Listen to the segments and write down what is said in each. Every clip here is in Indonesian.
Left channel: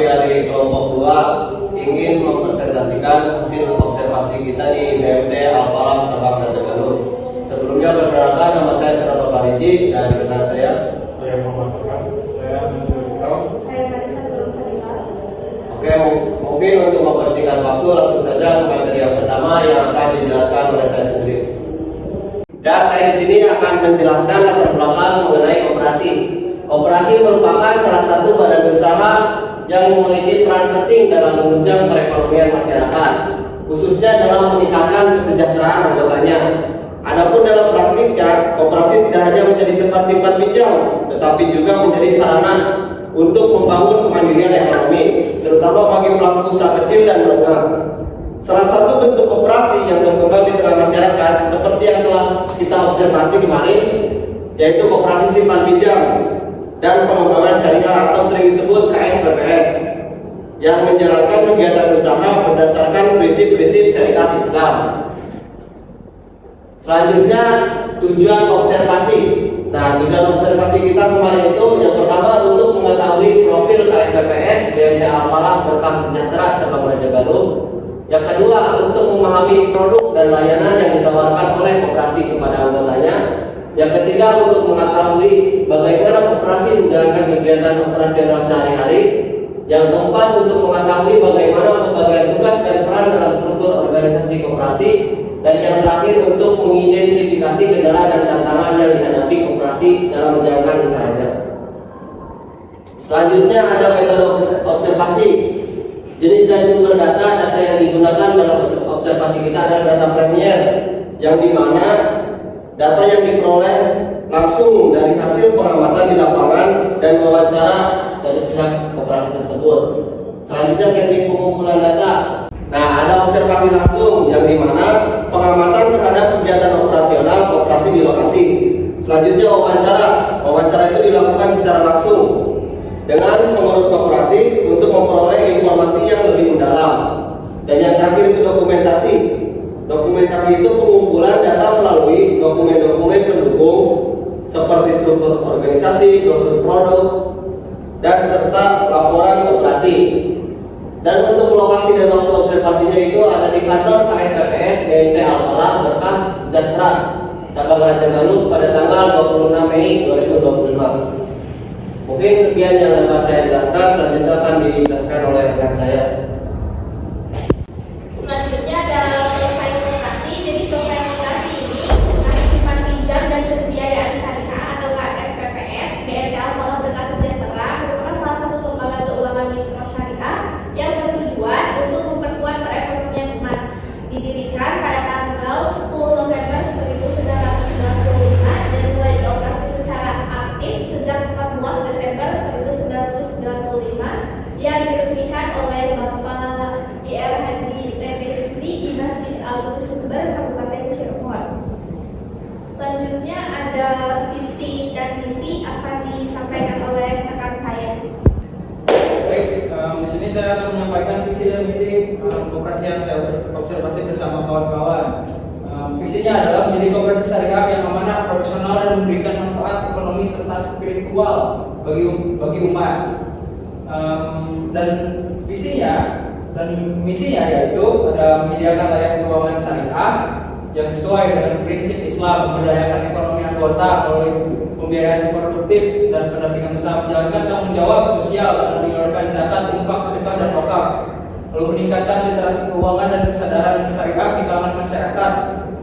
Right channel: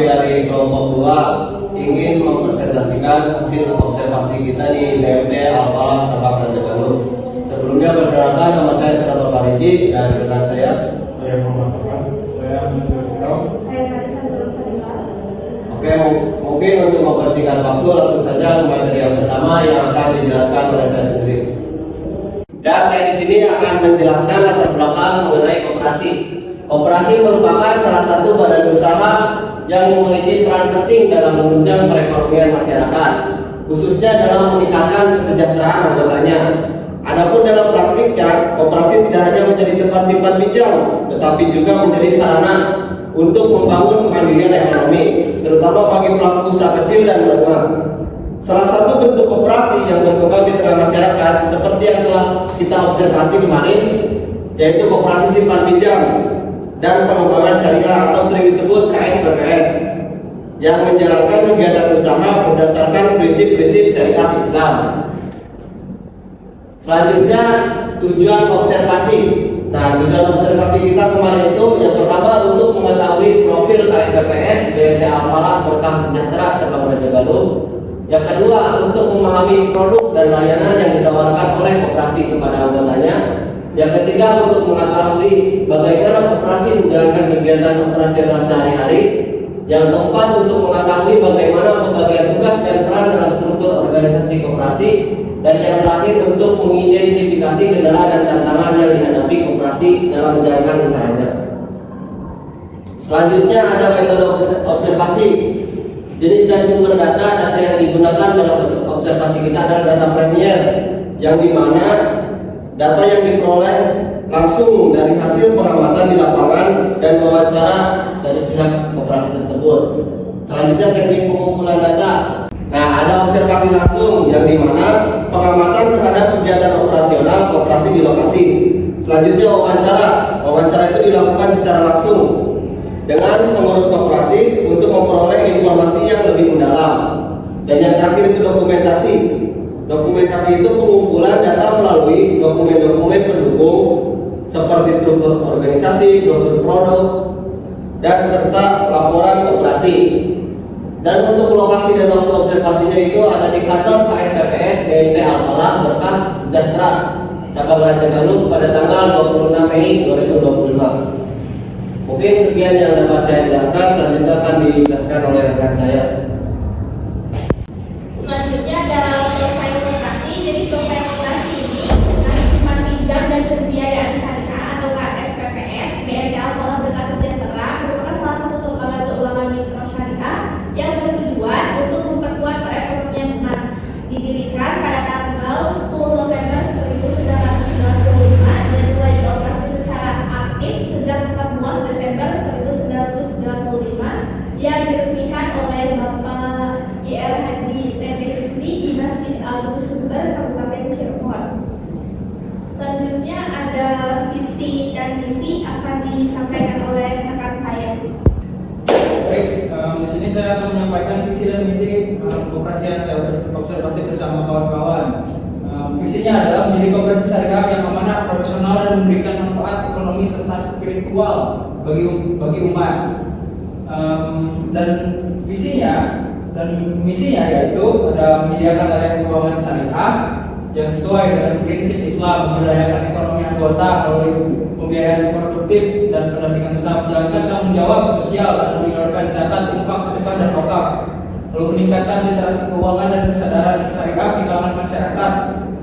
kami dari kelompok 2 ingin mempresentasikan hasil observasi kita di BMT Al-Falah Sabang dan Tegaluh. Sebelumnya perkenalkan, nama saya Serato Pariji dan rekan saya Muhammad Irfan, saya Oke, mungkin untuk mempersingkat waktu langsung saja ke materi yang pertama yang akan dijelaskan oleh saya sendiri. Ya, saya di sini akan menjelaskan latar belakang mengenai koperasi. Koperasi merupakan salah satu badan usaha yang memiliki peran penting dalam menunjang perekonomian masyarakat, khususnya dalam meningkatkan kesejahteraan anggotanya. Adapun dalam praktiknya, koperasi tidak hanya menjadi tempat simpan pinjam, tetapi juga menjadi sarana untuk membangun kemandirian ekonomi, terutama bagi pelaku usaha kecil dan menengah. Salah satu bentuk koperasi yang berkembang di tengah masyarakat, seperti yang telah kita observasi kemarin, yaitu koperasi simpan pinjam dan pengembangan syariah atau sering disebut KSPPS, yang menjalankan kegiatan usaha berdasarkan prinsip-prinsip syariat Islam. Selanjutnya, tujuan observasi. Nah, tujuan observasi kita kemarin itu yang pertama untuk mengetahui profil KSPPS BMT Al-Falah Kota Sejahtera Cabang Tegaluh. Yang kedua, untuk memahami produk dan layanan yang ditawarkan oleh koperasi kepada anggotanya. Yang ketiga, untuk mengetahui bagaimana koperasi menjalankan kegiatan operasional sehari-hari. Yang keempat, untuk mengetahui bagaimana pembagian tugas dan peran dalam struktur organisasi koperasi. Dan yang terakhir, untuk mengidentifikasi kendala dan tantangan yang dihadapi koperasi dalam menjalankan usahanya. Selanjutnya ada metode observasi. Jenis dan sumber data yang digunakan dalam observasi kita adalah data premier, yang dimana data yang diperoleh langsung dari hasil pengamatan di lapangan dan wawancara dari pihak koperasi tersebut. Selanjutnya teknik pengumpulan data. Nah, ada observasi langsung, yang dimana pengamatan terhadap kegiatan operasional koperasi di lokasi. Selanjutnya wawancara. Wawancara itu dilakukan secara langsung dengan pengurus koperasi untuk memperoleh informasi yang lebih mendalam. Dan yang terakhir itu dokumentasi. Dokumentasi itu pengumpulan data melalui dokumen-dokumen pendukung seperti struktur organisasi, brosur produk, dan serta laporan koperasi. Dan untuk lokasi dan waktu observasinya itu ada di kantor KSPPS BMT Al-Falah Berkah Sejahtera Cabang Tegaluh pada tanggal 26 Mei 2025. Mungkin sekian yang dapat saya jelaskan, selanjutnya akan dijelaskan oleh rekan saya. Selanjutnya ada profil koperasi. Jadi profil koperasi ini kami simpan pinjam dan pembiayaan syariah atau KSPPS BMT Al-Falah Berkah Sejahtera merupakan salah satu lembaga keuangan mikro syariah yang bertujuan untuk memperkuat perekonomian umat. Didirikan pada tanggal 10 November 1995 dan mulai beroperasi secara aktif sejak 14 Desember 1995 yang diresmikan oleh Bapak YR Haji TP Rizli di Masjid Al Sumber, Kabupaten Cirebon. Selanjutnya ada visi dan misi akan disampaikan oleh rekan saya. Baik, di sini saya akan menyampaikan visi dan misi koperasi yang saya observasi bersama kawan-kawan. Visinya adalah menjadi koperasi syariah yang amanah, profesional, dan memberikan manfaat ekonomi serta spiritual bagi umat. Dan visinya dan misinya yaitu ada menyediakan layanan keuangan syariah yang sesuai dengan prinsip Islam, memberdayakan ekonomi anggota melalui pembiayaan produktif dan pendampingan usaha, menjalankan tanggung jawab sosial dan mengeluarkan zakat, infak, sedekah, dan wakaf, lalu meningkatkan literasi keuangan dan kesadaran syariah di kalangan masyarakat,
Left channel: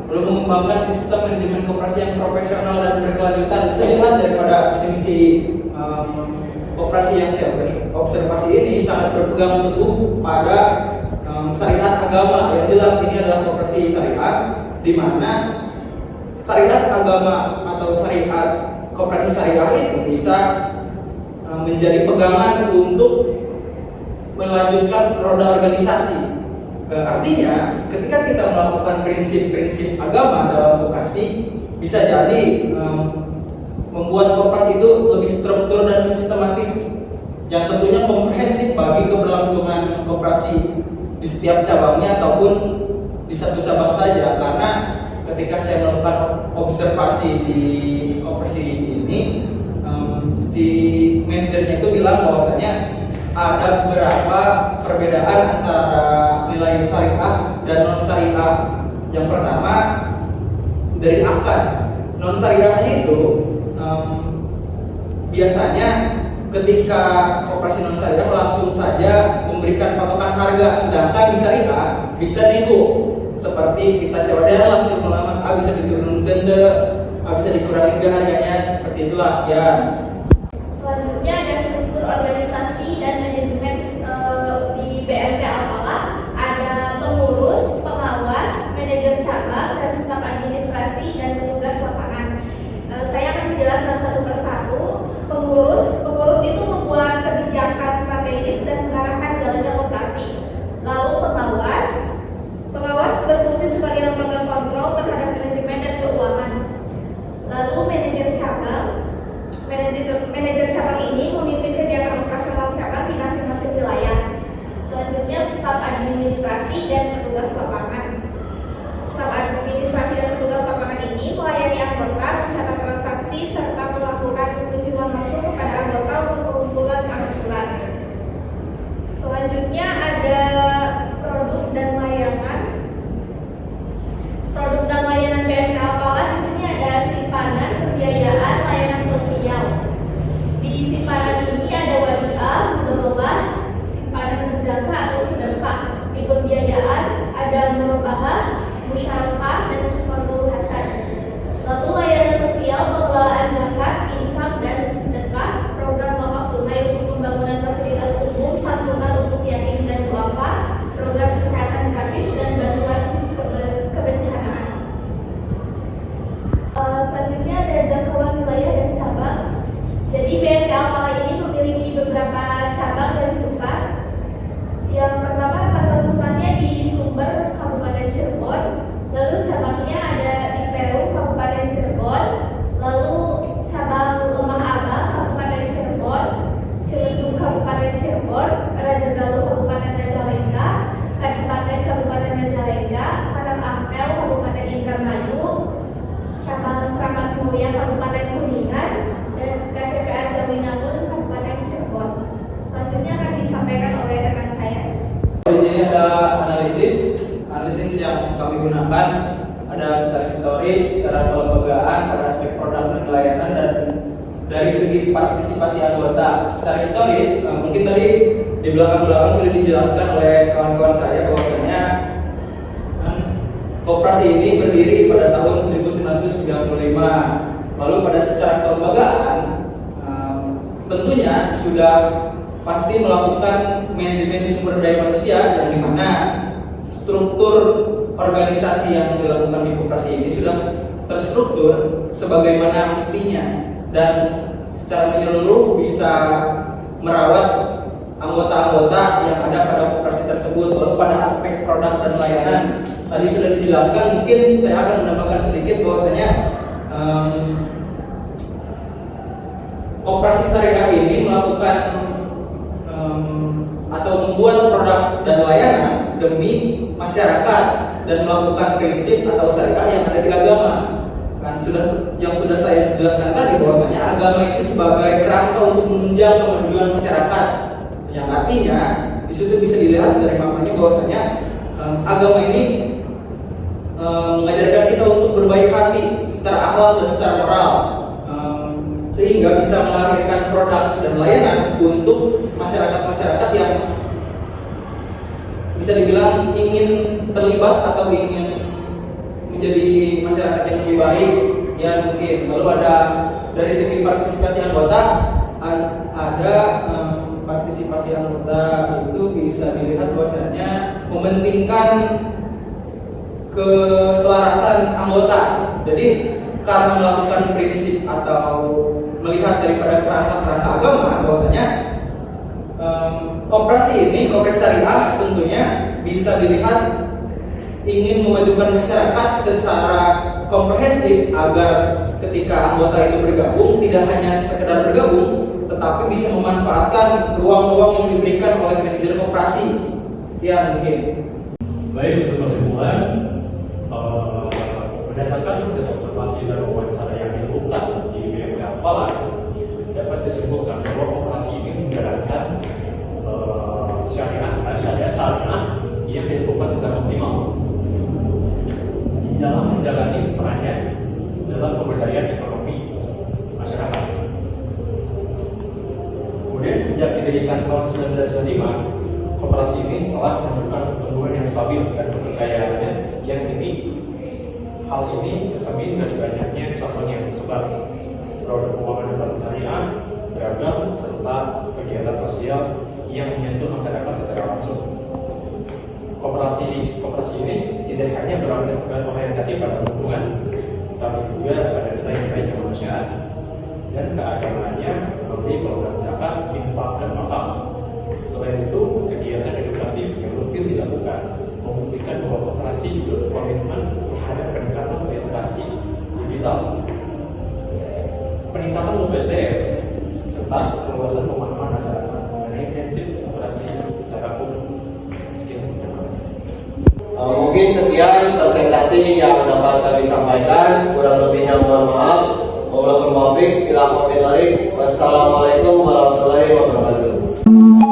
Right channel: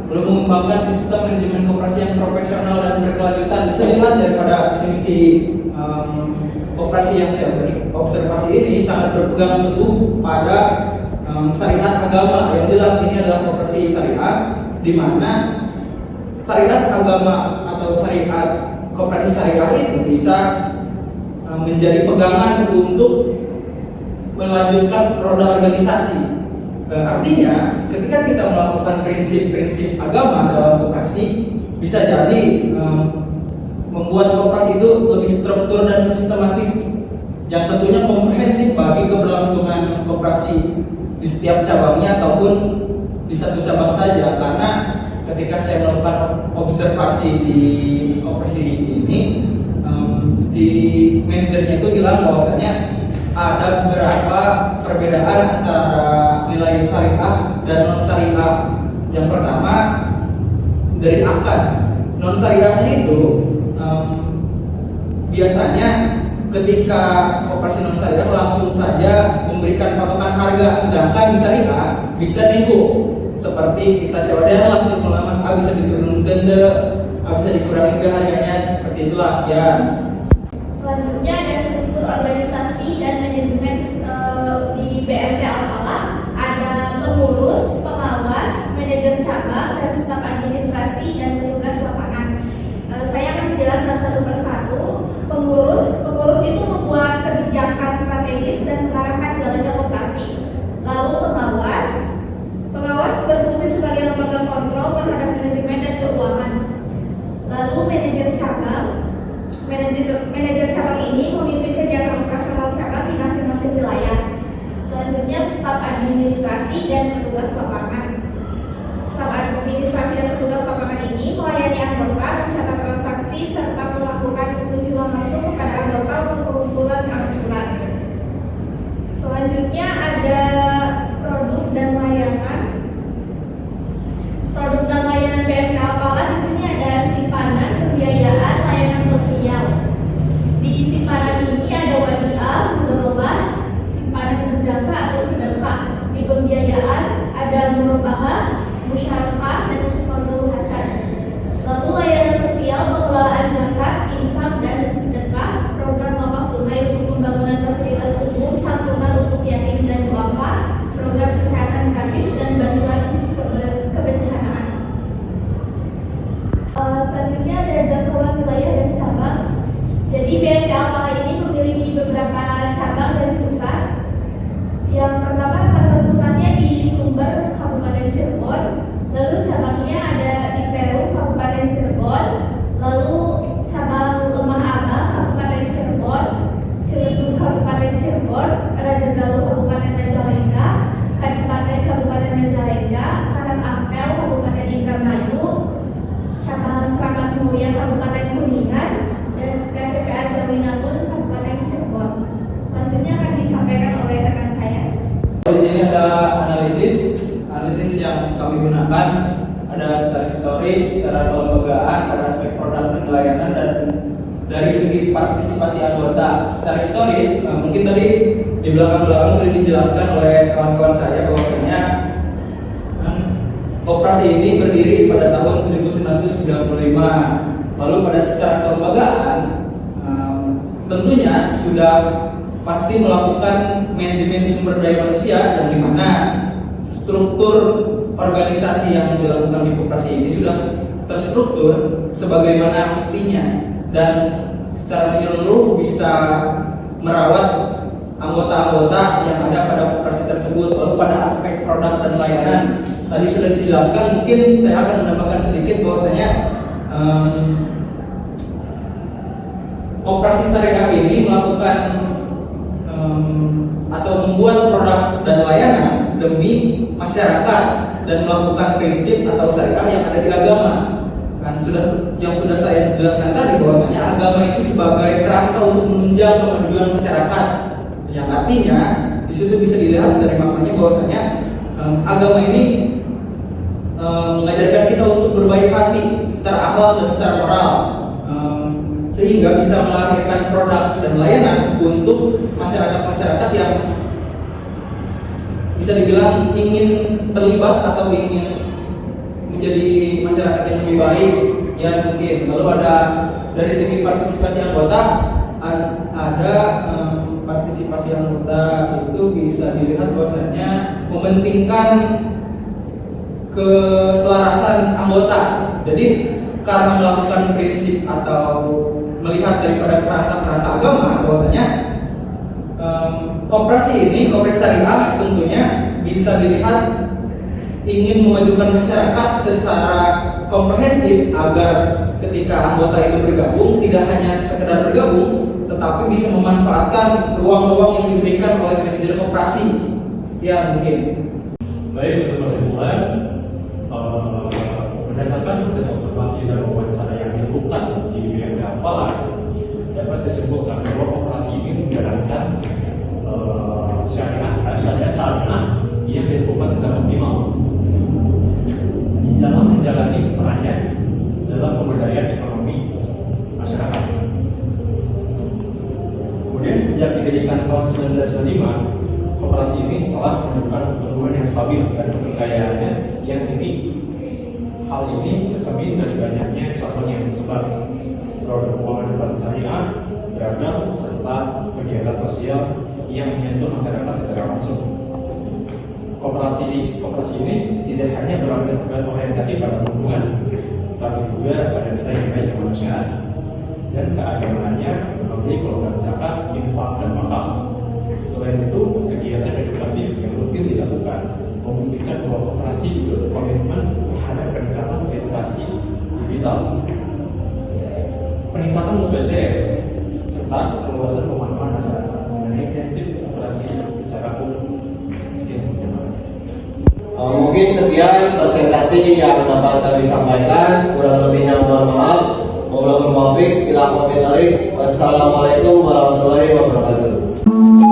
lalu mengembangkan sistem manajemen koperasi yang profesional dan berkelanjutan. Selain daripada misi koperasi yang saya observasi ini sangat berpegang teguh pada syariat agama. Yang jelas ini adalah koperasi syariat, di mana syariat agama atau syariat koperasi syariah itu bisa menjadi pegangan untuk melanjutkan roda organisasi. Artinya, ketika kita melakukan prinsip-prinsip agama dalam koperasi, bisa jadi membuat koperasi itu lebih struktur dan sistematis, yang tentunya komprehensif bagi keberlangsungan koperasi di setiap cabangnya ataupun di satu cabang saja. Karena ketika saya melakukan observasi di koperasi ini, si manajernya itu bilang bahwasanya ada beberapa perbedaan antara nilai syariah dan non syariah. Yang pertama dari akad. Non syariahnya itu biasanya ketika koperasi non syariah langsung saja memberikan patokan harga, sedangkan di syariah bisa nego, seperti kita COD langsung pengalaman A bisa diturunkan ke A bisa dikurangin ke harganya, seperti itulah ya. Selanjutnya ada struktur organisasi dan manajemen di BRT Alpala. Ada pengurus, pengawas, manajer cabang, dan staf administrasi dan petugas lapangan. Saya akan menjelaskan satu persatu. Pengurus itu membuat kebijakan strategis dan mengarahkan jalannya operasi. Lalu pengawas berfungsi sebagai lembaga kontrol terhadap manajemen dan keuangan. Lalu manajer cabang ini memimpin kegiatan operasional cabang di masing-masing wilayah. Selanjutnya staf administrasi dan petugas lapangan. Staf administrasi dan petugas lapangan ini melayani anggota, mencatat transaksi, serta melakukan kunjungan langsung kepada anggota untuk pengumpulan angsuran. Selanjutnya ada produk dan layanan. Produk dan layanan BRT Alpala di sini ada simpanan, pembiayaan, layanan sosial. Di simpanan ini ada wadah, mudharabah, simpanan menjaga atau sedekah. Di pembiayaan ada murabahah, musyarakah, dan fardhu hasan. Lalu layanan sosial, pengelolaan zakat, infak, dan sedekah, program wakaf tunai untuk pembangunan fasilitas umum, santunan untuk yatim dan duafa, program kesehatan gratis, dan bantuan kebencanaan. Selanjutnya ada jangkauan wilayah dan cabang. Jadi BRT Alpala ini memiliki beberapa cabang dan pusat. Yang pertama kantor pusatnya di Sumber, Kabupaten Cirebon. Lalu cabangnya ada di Perum, Kabupaten Cirebon. Lalu cabang Lemah Abang, Kabupaten Cirebon, Ciletung, Kabupaten Cirebon, Raja Galuh, Kabupaten Majalengka, Kadipaten, Kabupaten Majalengka, Karangapel, Kabupaten Indramayu, cabang Kramat Mulia, Kabupaten Kuningan, dan KCPA Jawinangun, Kabupaten Cirebon. Selanjutnya akan disampaikan oleh rekan saya. Di sini ada analisis yang kami gunakan, ada secara historis, secara kelembagaan, pada aspek produk dan layanan, dan dari segi partisipasi anggota. Secara historis, mungkin tadi di belakang sudah dijelaskan oleh kawan-kawan saya bahwasanya koperasi ini berdiri pada tahun 1995. Lalu pada secara kelembagaan, tentunya sudah pasti melakukan manajemen sumber daya manusia, yang dimana struktur organisasi yang dilakukan di koperasi ini sudah terstruktur sebagaimana mestinya dan secara menyeluruh bisa merawat anggota-anggota yang ada pada koperasi tersebut. Lalu pada aspek produk dan layanan tadi sudah dijelaskan, mungkin saya akan menambahkan sedikit bahwasanya koperasi syariah ini melakukan atau membuat produk dan layanan demi masyarakat dan melakukan prinsip atau syariah yang ada di agama. Kan yang sudah saya jelaskan tadi bahwasanya agama itu sebagai kerangka untuk menunjang kemajuan masyarakat. Yang artinya di situ bisa dilihat dari maknanya bahwasanya agama ini mengajarkan kita untuk berbaik hati secara akhlak dan secara moral, sehingga bisa melahirkan produk dan layanan untuk masyarakat-masyarakat yang bisa dibilang ingin terlibat atau ingin menjadi masyarakat yang lebih baik. Sekian mungkin. Lalu ada dari segi partisipasi anggota, ada partisipasi anggota itu bisa dilihat bahwasanya mementingkan keselarasan anggota. Jadi karena melakukan prinsip atau melihat daripada kerangka agama bahwasanya koperasi syariah tentunya bisa dilihat ingin memajukan masyarakat secara komprehensif agar ketika anggota itu bergabung tidak hanya sekedar bergabung tetapi bisa memanfaatkan ruang-ruang yang diberikan oleh manajer koperasi. Sekian mungkin. Baik, untuk kesimpulan, berdasarkan hasil observasi dan wawancara yang dilakukan di BRT Alpala dapat disimpulkan bahwa operasi ini menjalankan 1995, koperasi ini telah menunjukkan pertumbuhan yang stabil dan kepercayaannya yang tinggi. Hal ini tercermin dari banyaknya contohnya yang tersebar produk keuangan berbasis syariah, beragam, serta kegiatan sosial yang menyentuh masyarakat secara langsung. Koperasi ini tidak hanya berorientasi pada hubungan, tapi juga pada nilai-nilai kemanusiaan dan keagamannya memberi program zakat, infak, dan wakaf. Selain itu, kegiatan edukatif yang rutin dilakukan membuktikan bahwa koperasi berkomitmen terhadap peningkatan literasi digital, peningkatan UPSDM, serta perluasan pemahaman masyarakat mengenai prinsip koperasi secara umum. Mungkin sekian presentasi yang dapat kami sampaikan. Kurang lebihnya mohon maaf. Wassalamualaikum warahmatullahi wabarakatuh.